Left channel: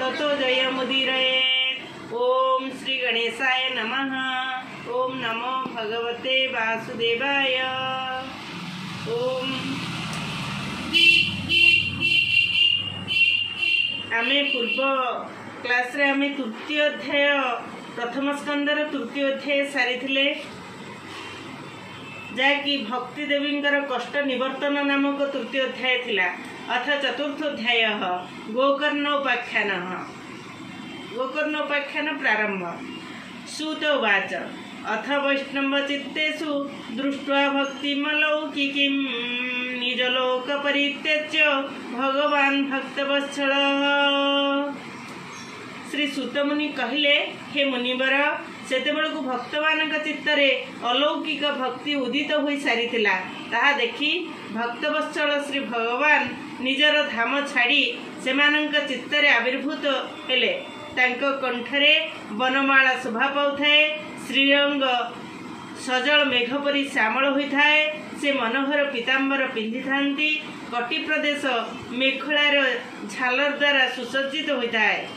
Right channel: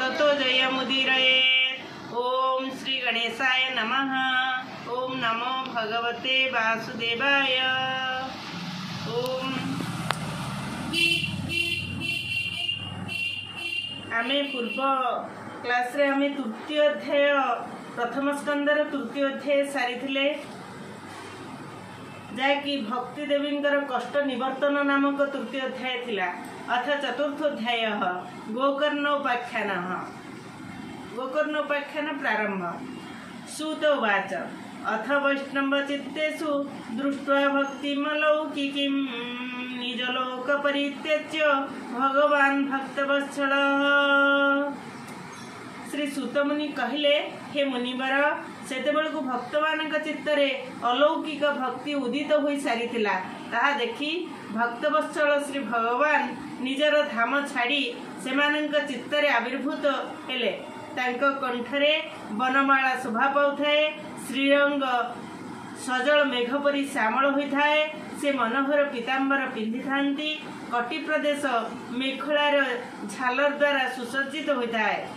ततो जयमुदीरये। ओम श्री गणेशाय नमः। ओम नमो भगवते वासुदेवाय। ओम आमे पूर्व क्लास रे आमे तृतीय अध्याय प्रथम स्कंदर तृतीय अध्याय सारी जहाँकि भक्ति देवींकर कष्ट निवर्तन नामक तृतीय अध्याय थिला। अथ चतुर्थ अध्याय गोकर्णोपाख्यान। गोकर्णोपाख्यान प्रारंभ। सूत उवाच अथ वैष्णव चित्तेषु दृष्ट्वा भक्तिमलौकिकीं निजलोक परित्यज्य भगवान भक्तवत्सलः। श्री सूतमुनि कहले, हे मुनिवर, सेतेबेलकु भक्तमानक चित्तरे अलौकिक भक्ति उदित हो सारी ताहा देखि भक्तवत्सल श्री भगवान निजर धाम छाड़ी सेमानंक चित्तरे आविर्भूत हेले। तांको कंठरे वनमाला शोभा पाउथाए। श्रीअंग सजल मेघ परी श्यामल होइथाए। से मनोहर पीताम्बर पिंधि थांती। कटी प्रदेश मेखलार झालर द्वारा सुसज्जित होइथाए।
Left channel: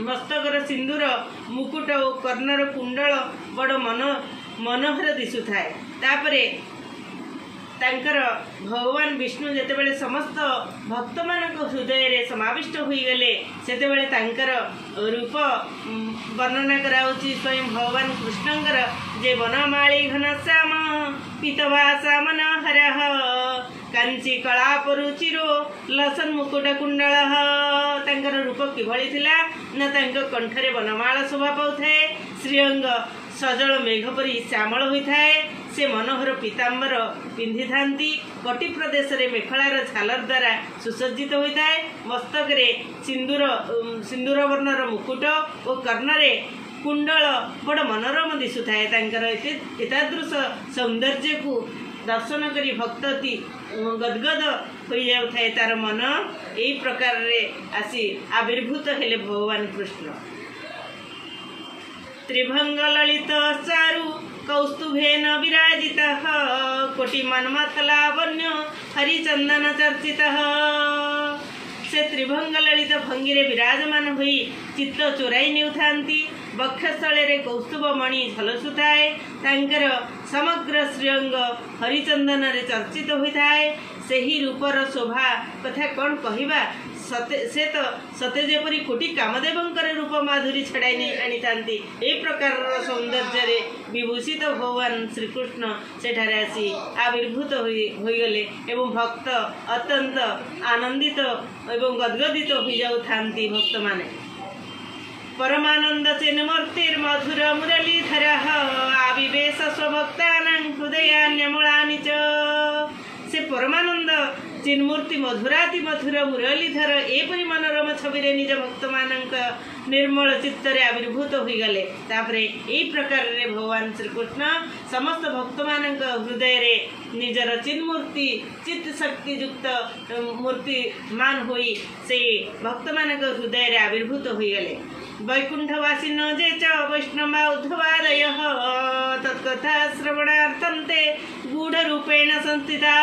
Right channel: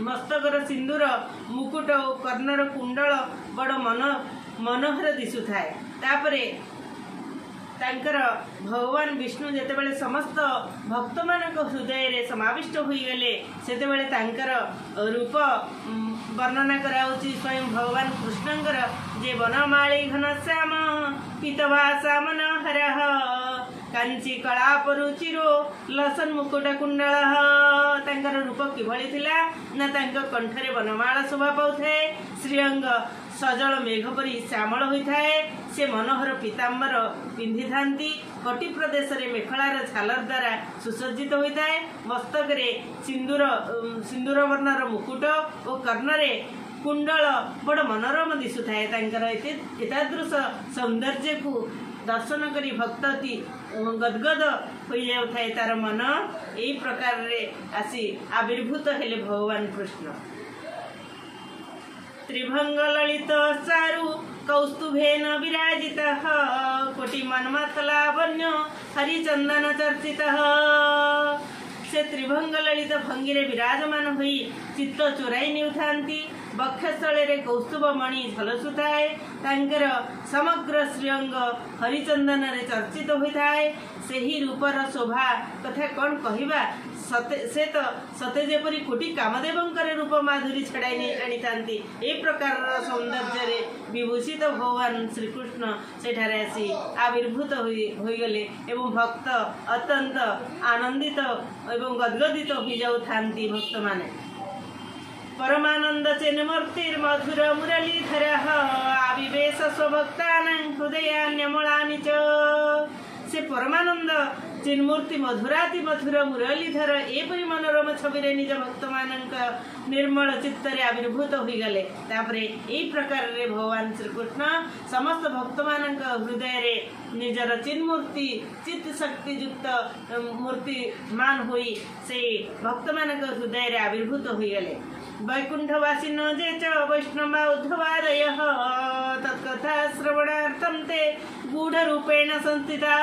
मस्तकर सिंदूर मुकुट और कर्णर कुंडल बड़ मनोहर दिशुथाए। तापरे तांकर भगवान विष्णु जेतेबेले समस्त भक्त मानक हृदय रे समाविष्ट होई गले सेतेबेले तांकर रूप वर्णना कराउची स्वयं भगवान कृष्णंकर जे वनमाली घनश्याम पीतवासा मनोहरः कांची कलापरुचिरो लसन मुकुट कुंडल। तांकर रूप किभଳି थिला ना तांक कंठरे वनमाला शोभा पाउथाए। श्रीअंग सजल मेघ परी श्यामल होइथाए। से मनोहर पीताम्बर पिंधि थांती। कटी प्रदेश रे मेखलार झालर द्वारा सुसज्जित होइथाए। मस्तकरे सिंदूर वर्णर मुकुट और कर्णरे कुंडल बड़ मनोरम दिशुथाए। तांकर एतादृश सौंदर्य को दर्शन करी भक्तति गदगद हो जाए। तार मन यही प्रकार रे आसी आविर्भूत हेले भगवान कृष्ण। त्रिभंग ललित चारु कौस्तुभेन विराजितः कोटि मन्मथ लावण्य हरिचंदन चर्चितः। से त्रिभंग ललित भंगिरे विराजमान होई चित्त चोराई नेउथांती। बक्षस्थले कौस्तुभ मणि झलसुथाए। तांकर समग्र श्रीअंग हरिचंदन रे चर्चित होइथाए। सेही रूपर शोभा कथा कौन कहवा। से तो सते जेपरी कोटि कामदेवंकर रूप माधुरी छड़ाई नहीं आनी थांती। ए प्रकार सौंदर्य रे विभूषित भगवान श्रीकृष्ण सेठारे आसी आविर्भूत होई गले एवं भक्त अत्यंत आनंदित एवं गदगदित हो जाऊ थांती। भक्त माने परमानंद चिन्मूर्तिर्मधुर मुरलीधर आविवेश स्वभक्तानां हृदयान्यमूलानि च। से परमानंद चिन्मूर्ति मधुराति मधुर मुरलीधर एपरी मनोरम छवि निज भक्त मानक निर्मल चित्तरे आविर्भूत हो गले। तापरे एई प्रकार रे भगवान श्रीकृष्ण समस्त भक्त मानक हृदय रे निजर चिन्मूर्ति चित्त शक्ति युक्त मूर्ति मान होई से भक्त मानक हृदय रे आविर्भूत हो गले। वैकुंठवासिनो जे च वैष्णवा उद्धवादय तत्कथा श्रवणार्थं ते गूढ़ रूपेण संस्थिता।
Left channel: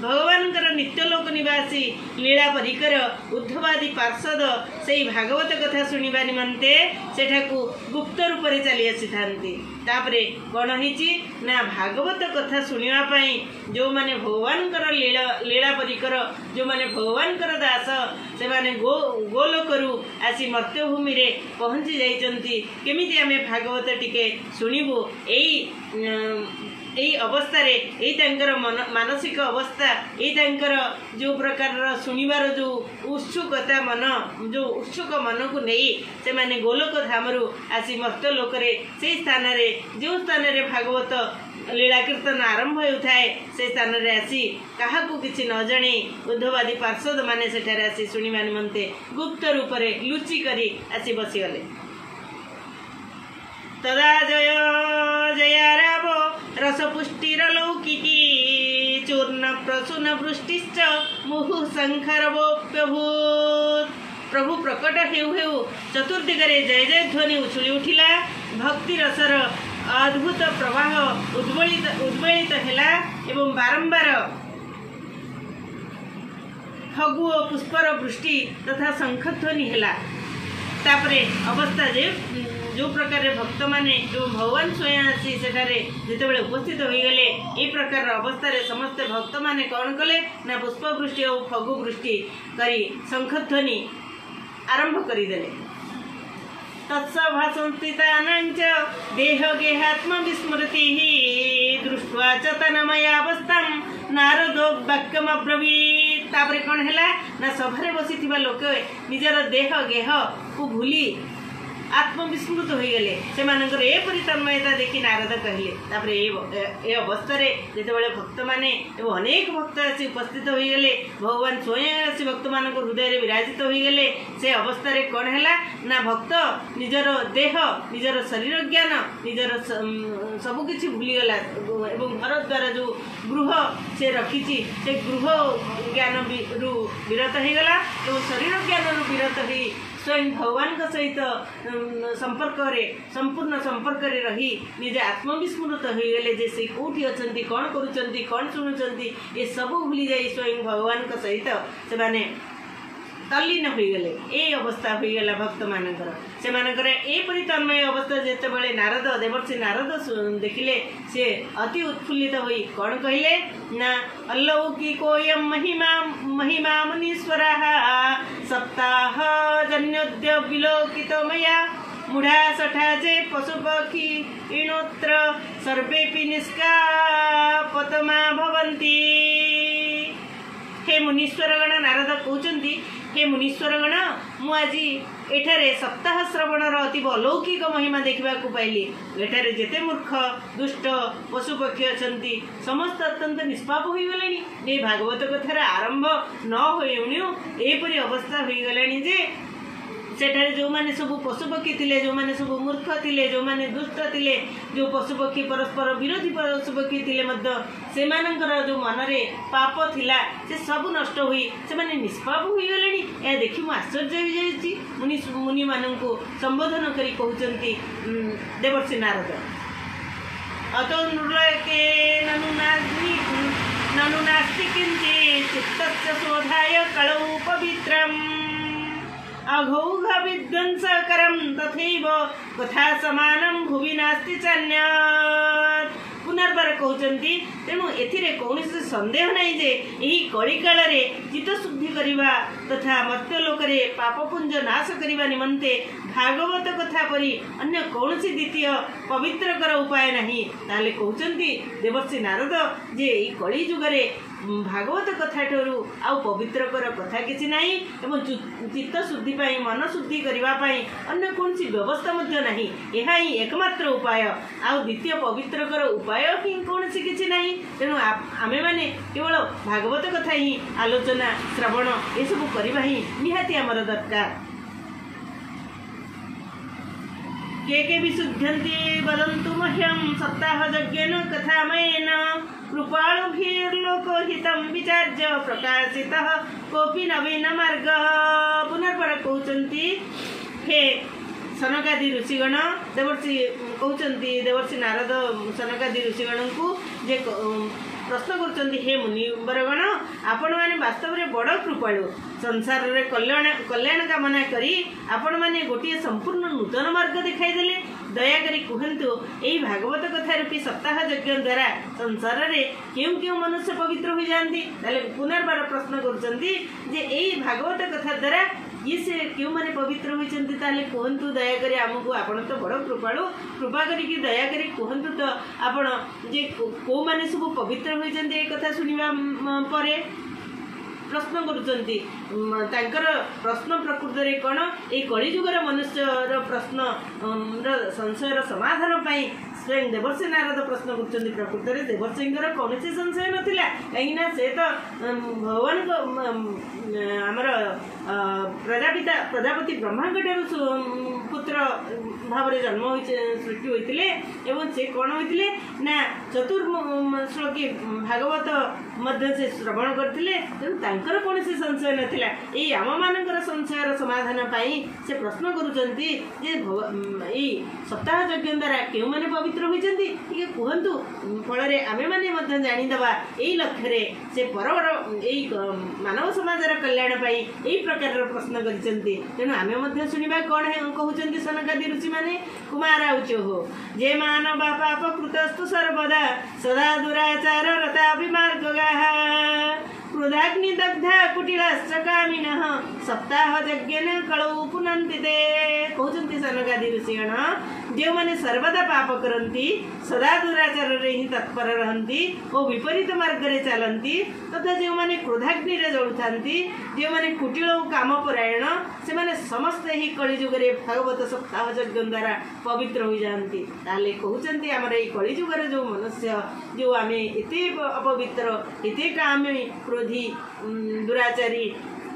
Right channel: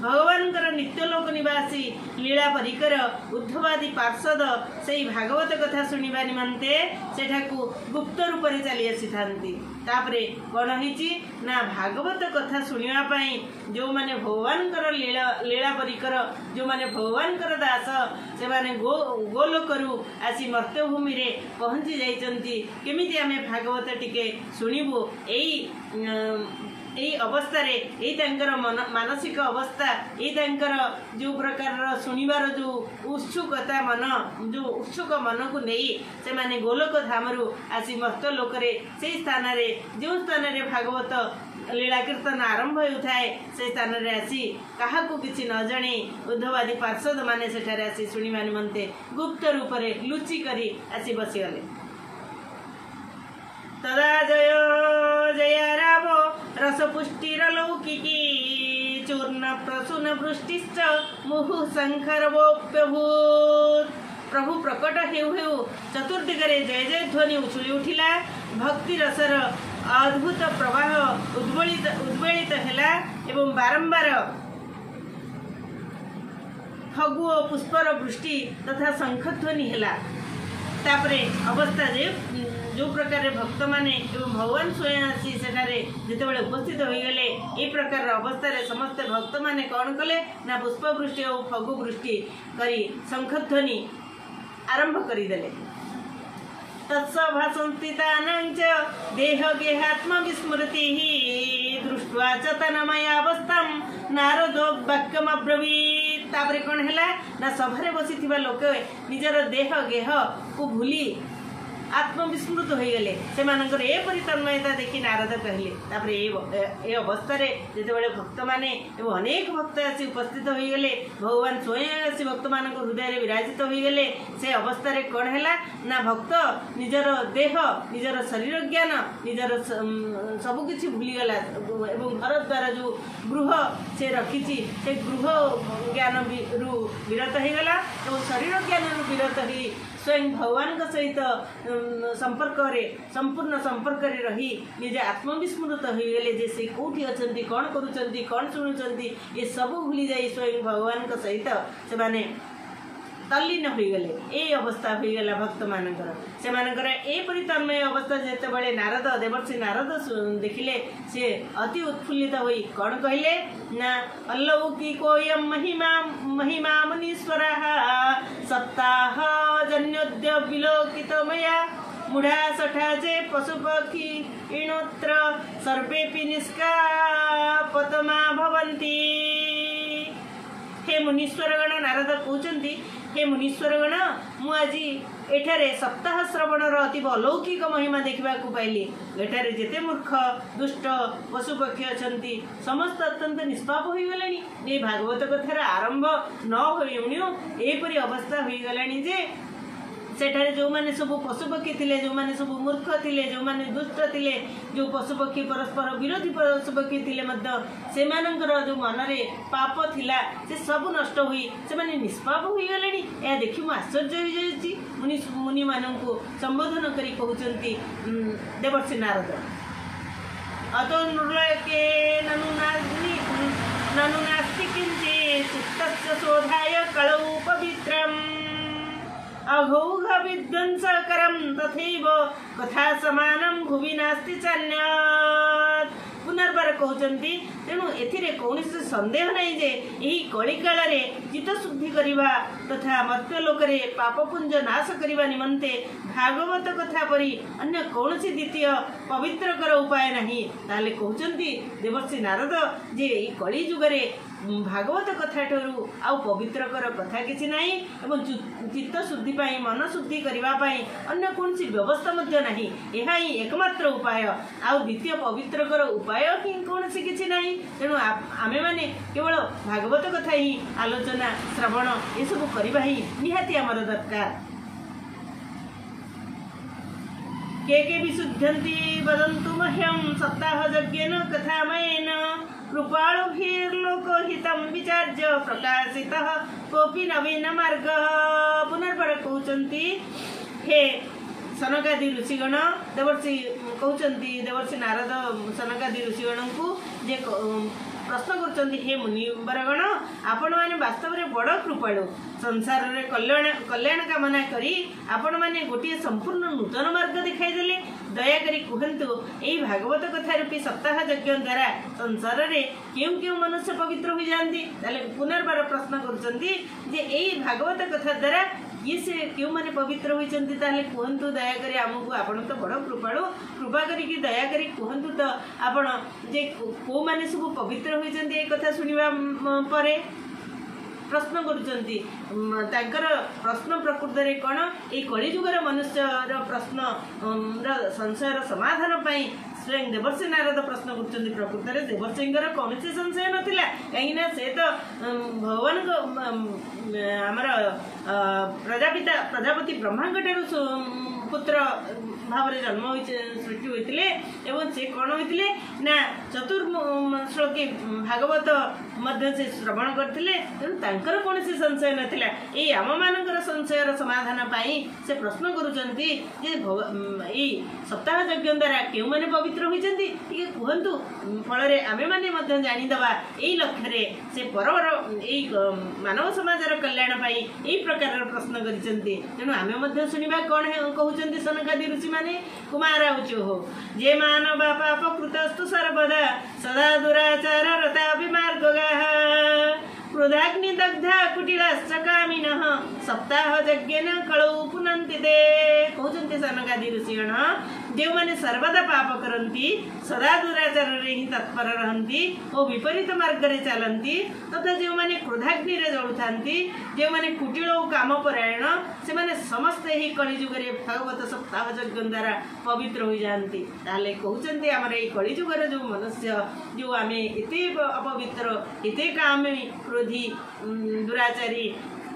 भगवानकर नित्यलोक निवासी लीला परिकर उद्धवादी पार्षद से भागवत कथा शुणा निमंते सेठाकू गुप्त रूप से चली आसी थांती। तापरे कौन होइची ना भागवत कथा शुणा पाई जो माने भगवानकर लीला परिकर जो माने भगवानकर दास से माने गोलोकरू आसी मर्त्यभूमि रे पहुंची जाइचंती। केमिति आमे भागवत टिके शुणिबु यही अवस्था रे यही तांकर मानसिक अवस्था यही तांकर जो प्रकार शुणिबार जो उत्सुकता मन जो उत्सुक मन को नहीं से माने गोलोक धामरू आसी मर्त्य लोक रे से स्थान रे जो स्थान रे भागवत लीला कीर्तन आरंभ होउथाए से स्थान रे आसी काहाकू किछि न जानी उद्धवादी पार्षद माने सेठारे आसी शुणिबा निमंते गुप्त रूप रे लुचि करी आसी बसी गले। तदा जय जयारावो रसपुष्टिरलौकिकी चूर्ण प्रसून वृष्टिश्च मुहुः शंखरवोप्यभूत्। प्रभु प्रकट हेउ हेउ चतुर्दिगरे जय जय ध्वनि उछुली उठिला। भक्ति रसर अद्भुत प्रवाह उद्वेलित हेला एवं बारंबार फगु और पुष्पर वृष्टि तथा शंखध्वनि है। तापरे अवस्था जे जो प्रकार भक्त माने भगवान स्वयं आसी सेठारे जितेबाला उपस्थित हो गले ए प्रकार अवस्था समस्त भक्त माने कौन कले ना पुष्पवृष्टि और फगु वृष्टि करी शंखध्वनि आरंभ करदेले। तत्सभासंस्थितानां च देह गेहात्म विस्मृति दृष्ट्वा च तन्मयावस्थां नारदो वाक्यमब्रवीत्। तापरे कौन है ना सभारे बसी लोक निजर देह गेह को भूली आत्मविस्मृत हो गले से एपरी तन्मयता देखी नारद कहले। तापरे ए अवस्था जितेबाला भक्त माने अनेक भक्त आसी उपस्थित हो गले भगवान स्वयं आसी भक्त मान हृदय विराजित हो गले से अवस्था कौन है ना भक्त निजर देह निजर शरीर ज्ञान निजर सबकि भूलीगला एवं घर द्वारा जो गृह से रखी से गृह ज्ञान रु विरत हो गला और शरीर ज्ञान रु विरत हो स्वयं भगवान सहित संपर्क संपूर्ण संपर्क रही निजे आत्मविस्मृत हो गले जे से कौटी अच्छा कौन करुँच कौन शुणुंट ये सब भूली जाए स्वयं भगवान सहित से माने तल्लीन हो गले। ए अवस्था हो गला भक्त मानकर से एपरी तन्मय अवस्था जितेबाला नारद देवर्षि नारद देखिले से अति उत्फुल्लित होई कौन कहले ना अलौकिकोयं महिमा महिमा मुनीश्वरः सप्ताह जन्योद्य विलोकित मया मुढ़ा सठा जे पशुपक्षी इणोत्र सर्वेपि निष्कापतमा भवन्ति। हे मुनीश्वरगण नारद कहते हे मुनीश्वरगण मु आज एठारे सप्ताह श्रवणर अति अलौकिक महिमा देखा पाइली। एठारे जेते मूर्ख दुष्ट पशुपक्षी अच्छा समस्त अत्यंत निष्पाप हो गले। भागवत कथार आरंभ न होपरी अवस्था हो गलानी जे सेठारे जो माने सब पशुपक्षी थिले जो माने सब मूर्ख थिले जो माने दुष्ट थिले जो पशुपक्षी परस्पर विरोधी पशुपक्षी थिले मध्य से मानकर जो मनरे पाप थिला से सब नष्ट होई से माने निष्पाप हो गलेनी। या देखि मु आश्चर्य हो जाईची मुनि मुनि माननकु संबोधन करी कहउचंती देवर्षि नारद अतो नृलोके ननु नास्ति किंचित् चित्तस्य शोधाय कलौ पवित्रम् अघौघ विध्वंसकरं तथैव कथा समानं भुवि नास्ति चान्यत्। पुनर्बार कहते तेणु एथिरे कौन संदेह नहीं जे यही कली काल चित्त शुद्धि करवा तथा मर्त्यलोक पापपुंज नाश करने निमंते भागवत कथा परी अन्य कौन द्वितीय पवित्रकर उपाय नहीं। ताले कहते देवर्षि नारद जे यही कली जुगरे भागवत कथा ठू आउ पवित्रकर कथा किसी नहीं एवं चित्त शुद्धि मन शुद्धि करने अन्य कौन व्यवस्था नहीं। यह ही एकमात्र उपाय आउ द्वितीय पवित्रकर उपाय ही कौन किसी नहीं। तेणु आमे माने केवल भागवत कथा ही आलोचना श्रवण ये सब करवा ही निहाती आमर दरकार। के विशुद्धन्ति वदन्तु मह्यं सप्ताह यज्ञेन कथामयेन कृपालुभिर्लोकहितं विचार्य प्रकाशितः कोऽपि नवीन मार्ग। पुनर्बार कहते हे सनकादि ऋषिगण देवर्षि कहते देवर्षि नारद सनकादि ऋषिगण को जे प्रश्न कर हे मुनिवरगण आपण मैंने वास्तव में बड़ कृपालु संसार रे कल्याण कामना करी आपण मैंने गोटे संपूर्ण नूतन मार्ग दिखाईदेले। दयाकरी कहतु यही भागवत कथा रूपी सप्ताह यज्ञ द्वारा संसार रे क्यों क्यों मनुष्य पवित्र हो जाती। पुनर्बार प्रश्न कर भागवत कथा द्वारा ये से क्यों माने पवित्र होती कहतु दयाकरी आमको आपण तो बड़ कृपालु कृपा करी दया करी कहतु तो आपण जे को माने सब पवित्र होती ये कथा शुणा परे प्रश्न करुँच प्रश्न प्रकृत में कौन ये कलिजुगर मनुष्यर प्रश्न संशयर समाधान पाई स्वयं देवर्षि नारद प्रश्न कर प्रकृत में देवर्षि कौन संशय नाला कहीं से तो भगवान आमर प्रजापति ब्रह्मा पुत्र भाव जन्म सृष्टि होते से कौन होते ना चतुर्श्लोकी भागवत मध्य से श्रवण करथिले तेणु तांकर कोनोसी संशय नथिला। एई आम मानकर संशयर समाधान पाई से प्रश्न करूचंती जे एई सप्ताह यज्ञ द्वारा केउ माने पवित्र होइचंती ये कहंतु फल रे आमे माने मध्य जानि दबा एई लक्ष्य रे से परवर एई मानव समाजर कल्याण पाई एई प्रकार प्रश्न करिचंती। तेणु आमे मध्य सुनिबा कोन कहउचंती सनकादि ऋषि माने कुमार उच्च हो जे मानव पाप कृतस्तु सर्वदा सदा दुराचार रता विमार्गगाः क्रोधाग्नि दग्धा कुटिलाश्च कामिनः सप्ताह यज्ञेन कलौ पुनन्ति ते कहउचंती सनकादि ऋषिगण जो माने सर्वदा पाप करंती सदा दुराचार रे ही तत्पर रहंती और विपरीत मार्ग रे चलंती तथा जो माने क्रोधाग्नि रे जळुथांती जो माने कुटिल काम परायण से माने समस्त ही कलिजुग रे भागवत सप्ताह यज्ञ द्वारा पवित्र हो जाती। ताले कहउचंती हमर एई कलिजुग रे जो मनुष्य जो आमे एते अपवित्र एते कामी क्रोधी दुराचारी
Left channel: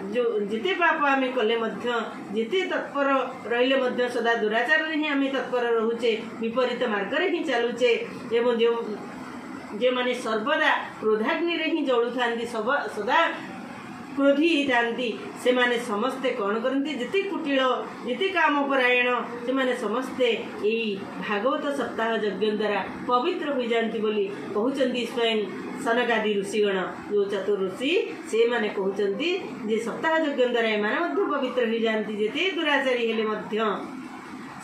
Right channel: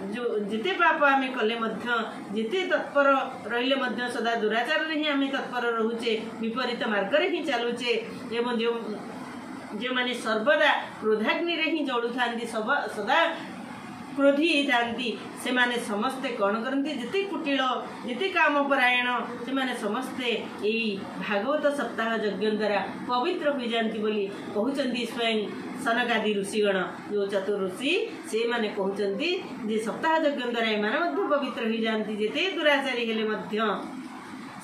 जो जिते पाप आमे कले मध्य जिते तत्पर रहिले मध्य सदा दुराचार रे ही आमे तत्पर रहुचे विपरीत मार्ग रे ही चलुचे एवं जो माने सर्वदा क्रोधाग्नि रे ही जळु थांती सदा क्रोधी थांती से माने समस्ते कौन करती जिते कुटिल जिते काम परायण से माने समस्ते एई भागवत सप्ताह यज्ञ द्वारा पवित्र हो जाती बोली कहउचंती स्वयं सनकादि ऋषिगण जो चतुर ऋषि से माने कहउचंती जे सप्ताह यज्ञ द्वारा एमाने मध्य पवित्र हो जाती जेते दुराचारी हेले मध्य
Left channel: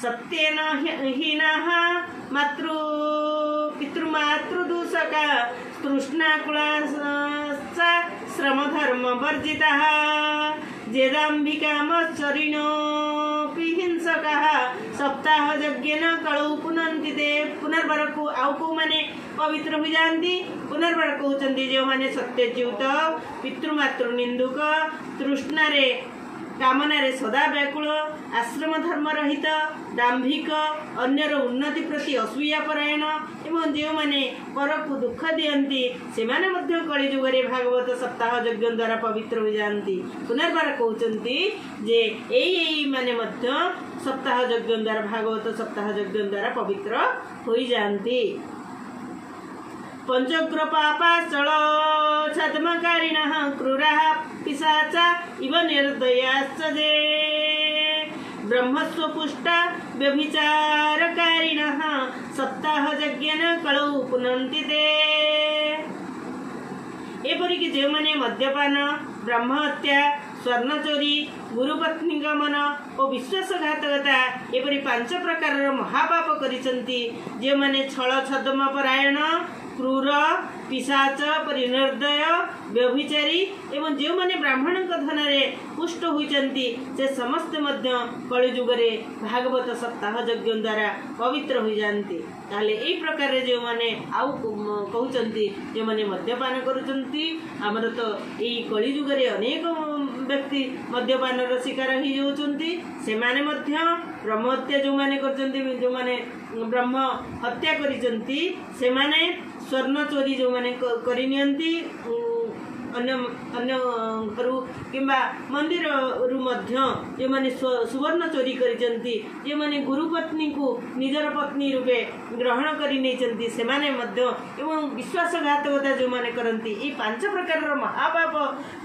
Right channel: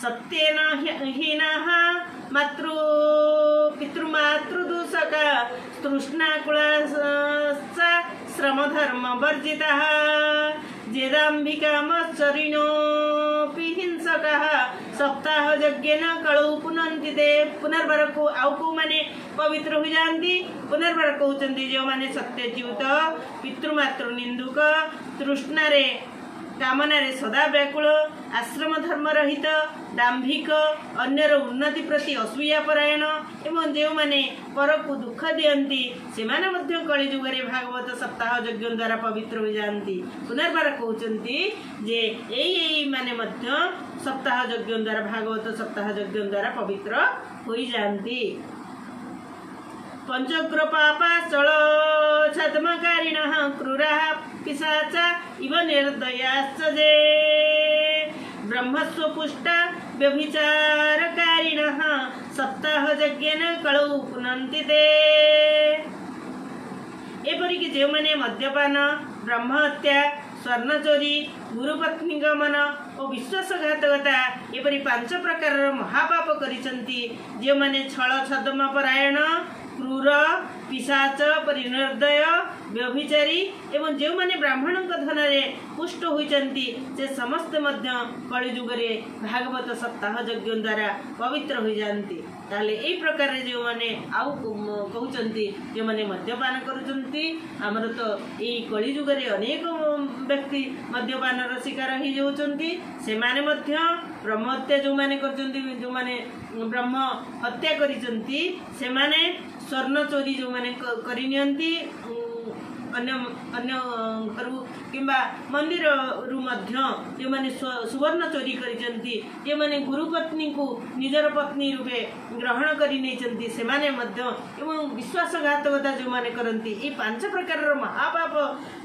सत्येन हीनाः मातृ पितृमातृदूषका तृष्णाकुलाश्च श्रमधर्म वर्जिताः जेदाम्बिकामच्चरिणोऽपि हिंसकाः सप्ताह यज्ञेन कलौ पुनन्ति ते पुनर्बार को आउ को माने पवित्र हो जाती पुनर्बार कहउचंती जो माने सत्यच्युत पितृमातृ निंदुक तृष्णा रे कामना रे सदा व्याकुल आश्रम धर्म रहित दाम्भिक अन्यर उन्नति प्रति असूया परायण एवं जो माने पर को दुख दियंती से माने मध्य कलिजुग रे भागवत सप्ताह यज्ञ द्वारा पवित्र हो जाती। पुनर्बार कहउचंती जे एई माने मध्य सप्ताह यज्ञ द्वारा भागवत सप्ताह यज्ञ द्वारा पवित्र हो जाती। पंचग्र पापाचल छद्मकारिणः क्रूराः पिशाचा इव निर्दयाश्च जे ब्रह्मस्वपुष्टा व्यभिचारकारिणः सप्ताह यज्ञेन कलौ पुनन्ति ते एपरिक जो माने मद्यपान ब्रह्महत्या स्वर्ण चोरी गुरुपत्नी गमन और विश्वासघातकता एपरी 5 प्रकार महापाप करिसंती जो माने छल छद्म परायण क्रूर पिशाच परिनिर्दय व्यभिचारी एवं जो माने ब्राह्मण धन रे पुष्ट होइचंती से समस्त मध्य कलिजुग रे भागवत सप्ताह यज्ञ द्वारा पवित्र हो जाती। ताले एई प्रकार रे जो माने आउ कहउचंती जो माने मद्यपान करूचंती हमर तो एई कलिजुग रे अनेक व्यक्ति मद्यपान रो शिकार ही जाउचंती से माने मध्य ब्रह्महत्या जो माने करचंती जो माने ब्रह्म हत्या करिचंती से माने स्वर्ण चोरी जो माने करि नियंती अन्य अन्य करू किंबा मंदिर रु मध्य जो माने सुवर्ण चोरी करिचंती जे माने गुरुपत्नी को निजर पत्नी रूपे ग्रहण करि नेचंती से माने मध्य एवं विश्वासघातकता जो माने करंती ए 5 प्रकार महापाप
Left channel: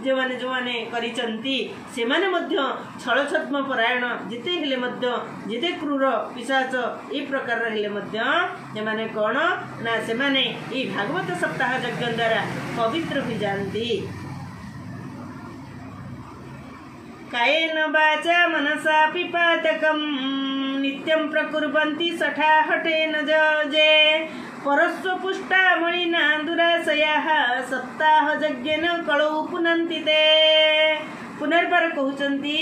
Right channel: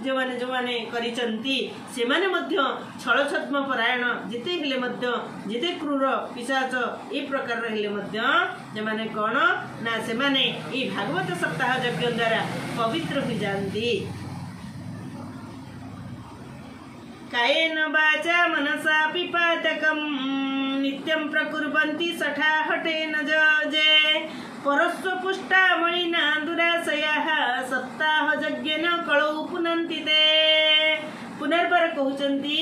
जो माने करिचंती से माने मध्य छल छद्म परायण जिते हेले मध्य जिते क्रूर पिशाच ए प्रकार हेले मध्य जे माने कोन ना से माने ए भागवत सप्ताह यज्ञ द्वारा पवित्र हो जाती। कायेन वाचा मनसा पिपातकं नित्यं प्रकुर्वन्ति सठा हठेन जे परस्वपुष्टा मणिना दुराशयाः सप्ताह यज्ञेन कलौ पुनन्ति ते पुनर्बार कहउचंती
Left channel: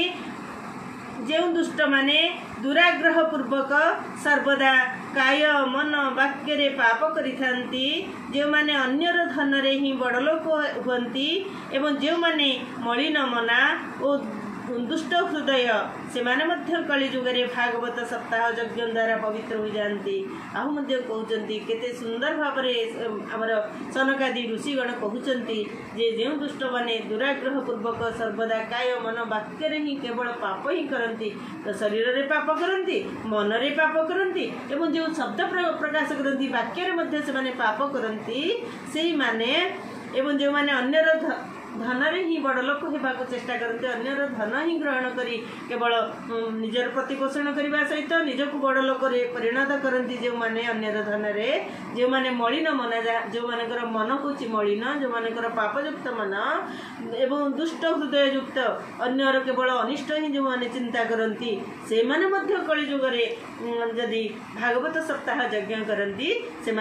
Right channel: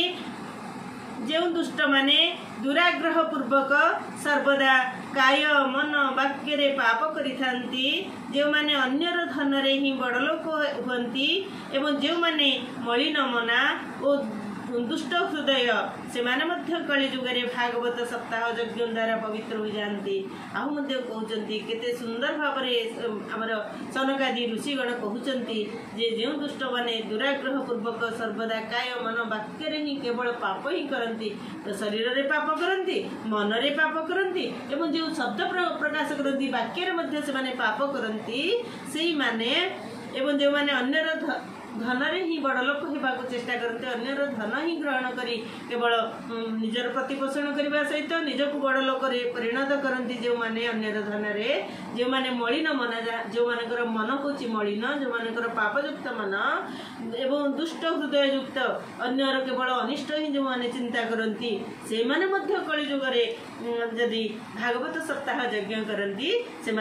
जो दुष्ट माने दुराग्रह पूर्वक सर्वदा काय मन वाक्य रे पाप करिथांती जो माने अन्यर धन रे ही बड़ लोक होती एवं जो माने मलिन मना और दुष्ट हृदय से माने मध्य कलिजुग रे भागवत सप्ताह यज्ञ द्वारा पवित्र हो जाती। आहु मध्य कहउचंती केते सुंदर भाव रे हमर सनकादि ऋषिगण कहउचंती जे जो दुष्ट माने दुराग्रह पूर्वक सर्वदा काय मन वाक्य रे ही केवल पाप ही करंती तो शरीर रे पाप करंती मन रे पाप करंती एवं जो शब्द प्रकाश करंती वाक्य रे मध्य से माने पाप करंती सेही माने एवं जो मैंने अन्यर धन ही बड़ लोक होगा चेष्टा करते अन्यर धन ही ग्रहण करी केवल निजर प्रतिपोषण करने सहित निजक बड़ लोक परिणत करती जो मैंने अन्यर धन जो मैंने मलिन मना जो मानकर मन हूँ मलिन जो मानकर पापयुक्त मन एवं दुष्ट हृदय युक्त अन्यर केवल अनिष्ट ही जो मैंने चिंता करती से माने कलिजुगे जदि भागवत सप्ताह यज्ञ करती से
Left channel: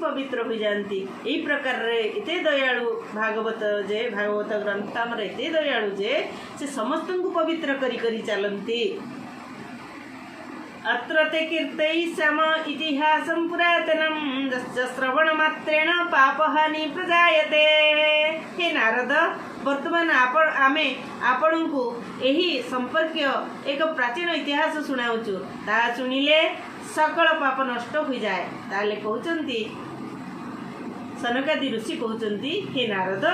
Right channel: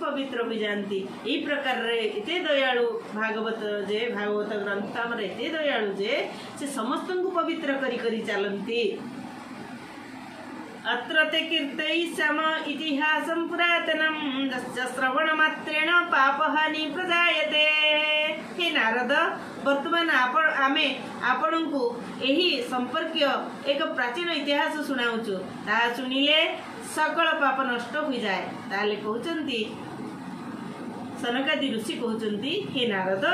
पवित्र हो जाती यही प्रकार एते दयालु भागवत जे भागवत ग्रंथ आमर एते दयालु जे से समस्त को पवित्र करी चलती। अत्र ते कीर्तयिष्याम इतिहासं पुरातनं यस्य श्रवणमात्रेण पापहानि प्रजायते। हे नारद वर्तमान आमे आपण को यही संपर्क एक प्राचीन इतिहास सुनाऊचु ता सुनिले सकल पाप नष्ट हो जाए। ताले कहउचंती सनकादि ऋषि कहउचंती हे नारद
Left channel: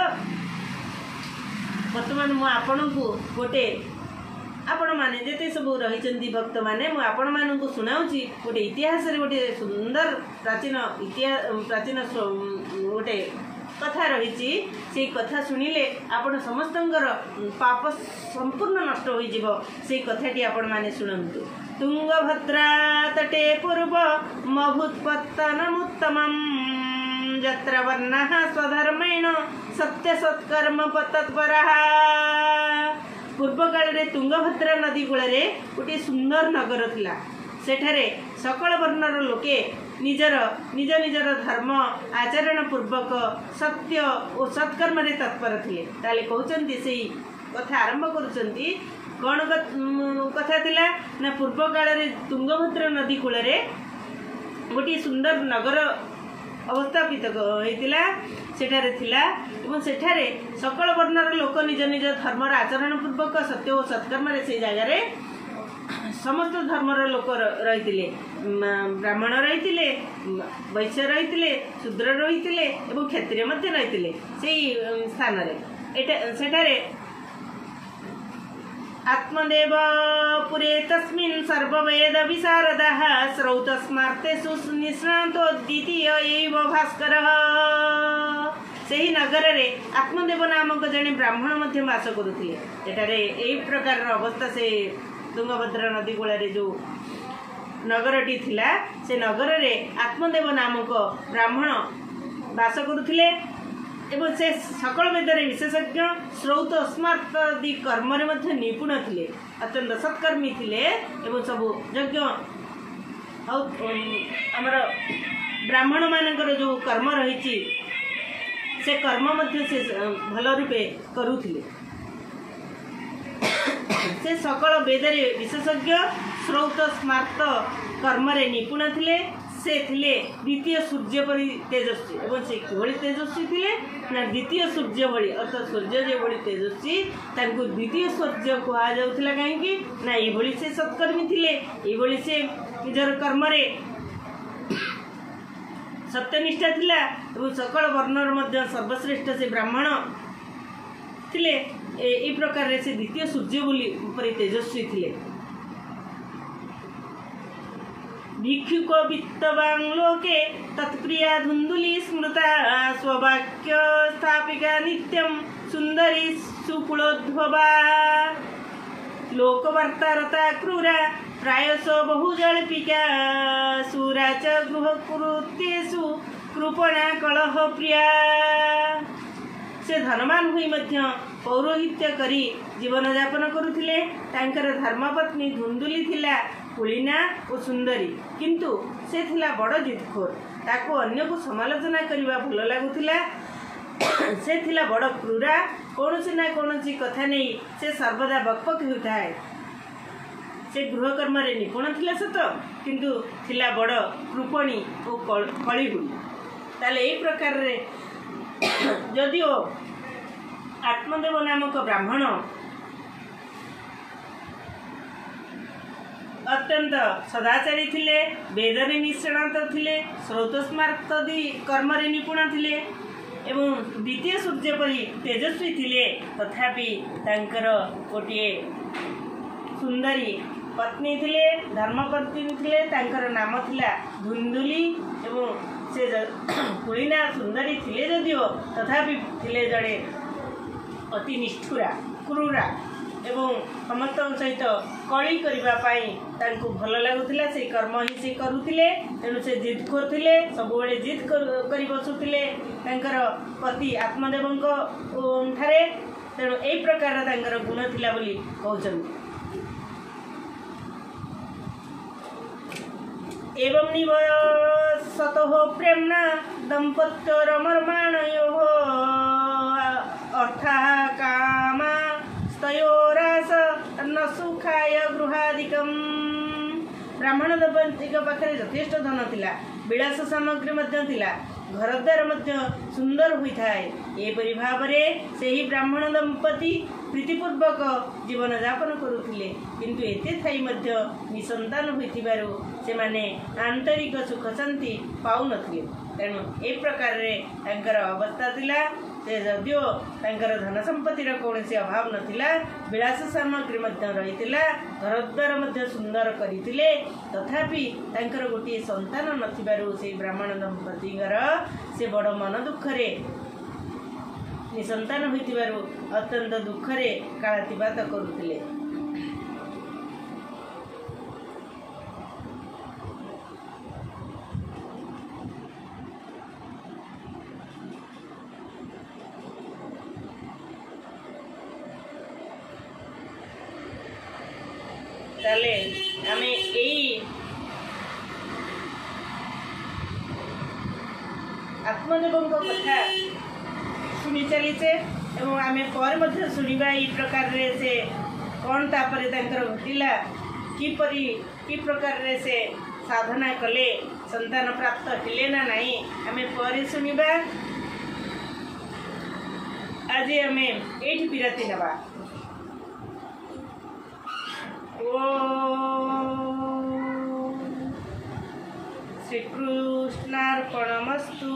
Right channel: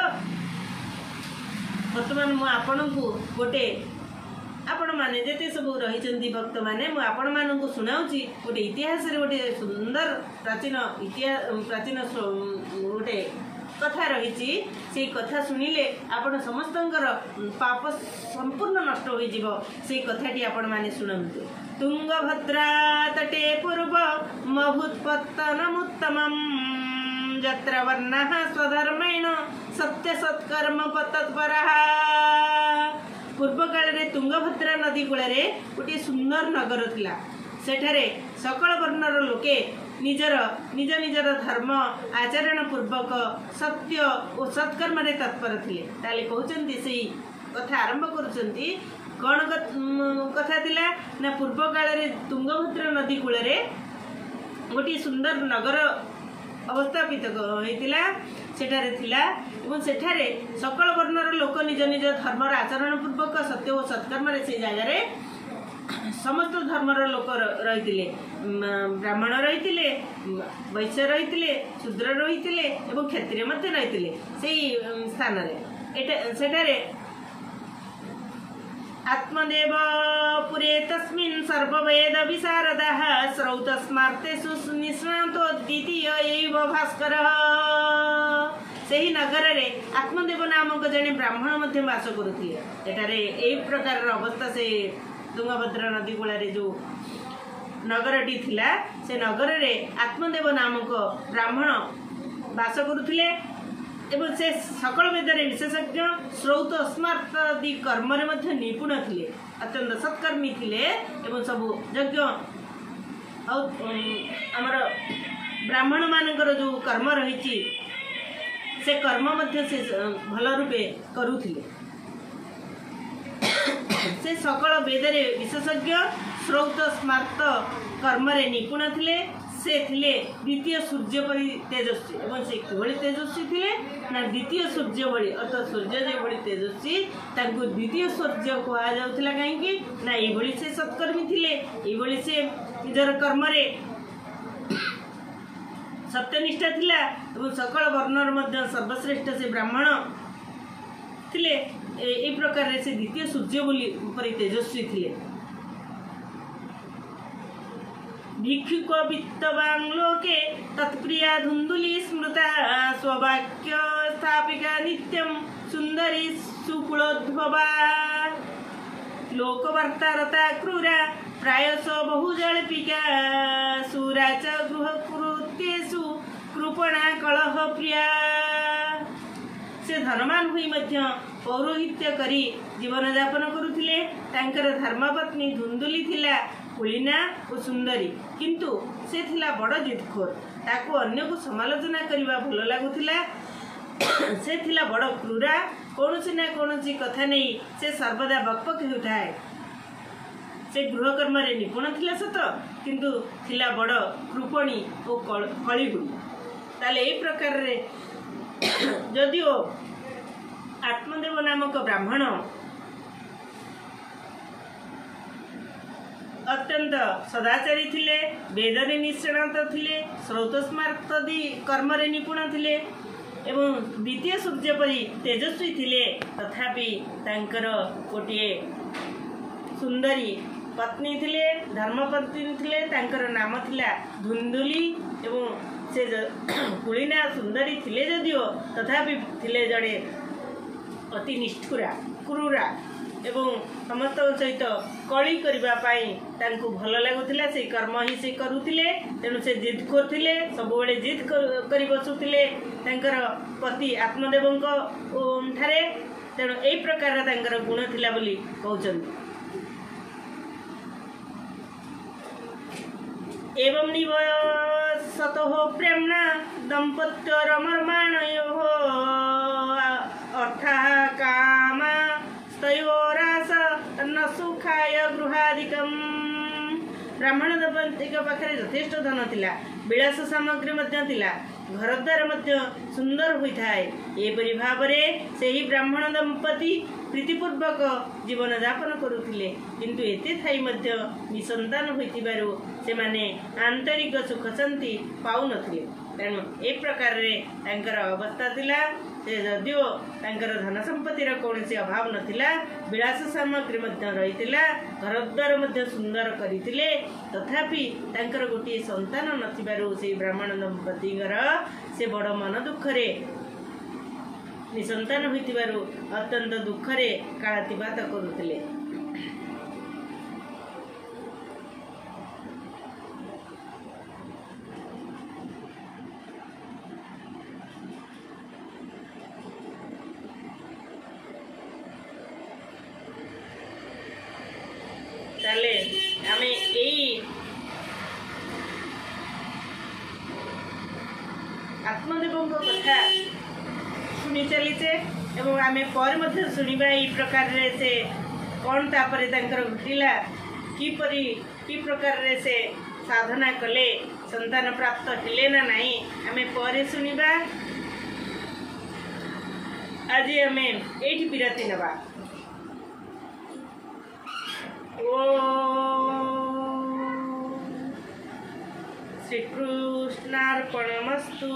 वर्तमान मु आपण को गोटे आपण माने जेते सब रही भक्त माने मु आपण मान को सुनाऊची गोटे इतिहास रे गोटे सुंदर प्राचीन प्राचीन गोटे कथा रही से कथा शुणिले आपण समस्तंकर पाप संपूर्ण नष्ट हो जीव से कथाटी आपण माने शुणंतु। तुंगभद्रा तटे पूर्व मभूत्पत्तनमुत्तमं यत्र वर्णः स्वधर्मेण सत्य सत्कर्म तत्परः। पूर्व काल रे तुंगभद्रा नदी कूल गोटे सुंदर नगर थिला सेठारे सकल वर्णर लोके निजर निजर धर्म आचरण पूर्वक सत्य और सत्कर्म रे तत्पर थिले। ताले कहउचंती सेही कथा आरंभ करूचंती कौन कथा थिला ना पूर्व काल रे तुंगभद्रा नदी कूल गोटे सुंदर नगर अवस्थापित होइतिला सेठारे थिला एवं सेठारे सकल वर्णर लोक निज निज धर्मर आचरण पूर्वक सत्य और सत्कर्म से जगार समस्त धर्मर लोक रही ब्राह्मण रही वैश्य रही शूद्र रही क्षत्रिय रही से स्थान सेठारे आत्मदेव पुरे तस्मिन् सर्ववेद विशारदः श्रौतस्मार्तेषु निष्णातो द्वितीय एव भास्करः। सही नगर रे आत्मदेव नामक जड़े ब्राह्मण मध्य वास करुथिले। सेठारे एही प्रकार अवस्था से तुंगभद्रा नदी कूल जो नगरटी थिला से नगर रे आत्मदेव नामक ब्राह्मण वास करुथिले एवं से सकल वेदरे विशेषज्ञ श्रौत स्मार्त आदि कर्म निपुण थिले अत्यंत सत्कर्मी थिले एवं सबु यज्ञ आमर ब्राह्मण मानकर जो कर्म रही से कर्म से भल रूपे करुथिले। से सकल वेदरे विशेषज्ञ श्रौत स्मार्त कर्म निपुण थिले से थिले द्वितीय सूर्य परि तेजस्वी एवं से किभଳି तेजस्वी थिले ना द्वितीय सूर्य भଳି अर्थात सूर्य जे भଳି तेजस्वी तांको द्वितीय सूर्य कहा जाउथिला काहेकि ना एई भଳି से सत्कर्मी थिले एई भଳି से निजर कर्म रे सत्यनिष्ठा थिला एवं सकल वर्णर मध्य सर्वश्रेष्ठ से ब्राह्मण थिले एई प्रकार रे से द्वितीय सूर्य भଳି परि तेजस्वी थिले। भिक्षुक वित्तवान लोके तत्प्रिया धुंदुली स्मृता स्ववाक्य स्थापिका नित्यं सुंदरी सुकुलोद्भवा लोकवार्तारता क्रूरा प्रायश बहुजल्पिका सूरा च गृहकृत्येषु कृपणा कलह प्रिया। से धनवान हुई मध्य पौरोहित्य करी जीवन यापन करुथिले। तांकर धर्मपत्नी धुंदुली थिला कुलीना और सुंदरी किंतु से थिला बड़ जिदखोर ताको अन्य को समालोचना करने भल लगुला। से थिला बड़ क्रूरा कौन ना कौन कथा नहीं से सर्वदा बकपक होताए। से गृहकर्म निपुण थिला सत किंतु थिला बड़ कृपणी और कलिहुड़ी। ताले एई प्रकार रे जदिओ आत्मदेव नामक ब्राह्मण अत्यंत सदाचारी थिले वेदरे निष्णात थिले श्रौतस्मार्तदी कर्म निपुण थिले एवं द्वितीय सूर्य परि तेजस्वी थिले तथापि तांकर गोटे सुंदरी पत्नी थिले धर्मपत्नी थिले तांकर नाम थिला धुंदुली एवं से कुलीना सुंदरी थिले जदिओ तथापि थिले जड़े अति निष्ठुरा क्रूरा एवं समस्त सहित कली करने भल लगुला से कर्म ही से करुले तेणु से जिद करते सब जिद कर बसुले पति आत्मदेव ठारे तेणु यही प्रकार गुण थिला बोली कहते। एवं निवसतो प्रेमना दंपत्योरमर्माणयोः अर्था कामा स्तयोरास न सुखाय गृहादिकम। ब्राह्मण दंपति पाखे यथेष्ट धन थिला, विलास सामग्री थिला, घरद्वार सुंदर होता है। एपरी भाव से ही ब्राह्मण दंपति प्रीतिपूर्वक जीवन यापन करुले किंतु एते थाई निसंतान होइतिबारु से माने आंतरिक सुख शांति पाउ नथिले। तेणु ए प्रकार रे तांकर अवस्था थिला से जदिओ तांकर धन संपत्तिर कौनसी अभाव नथिला, विलास सामग्री रहितिला, घरद्वार सुंदर करितिले, तथापि तांकर गोटे संतान नथिबारु से ब्राह्मण दंपतिगर से बड़ मन दुखरे निसंतान होइतिबारु अत्यंत दुखरे कालातिपात करुतिले। ताले आमे एई आत्मदेव कथा शुणी चलीचे एवं आमे पर मध्य शुणिबा ई प्रकार रे से कौन तापरे तांकर घटिला कि प्रकार रे से साधना कले संतान प्राप्त हेले ना नहीं आमे पर शुणिबा। आज आमे एठी विरति नबा। श्रीकृष्णार्पणमस्तु।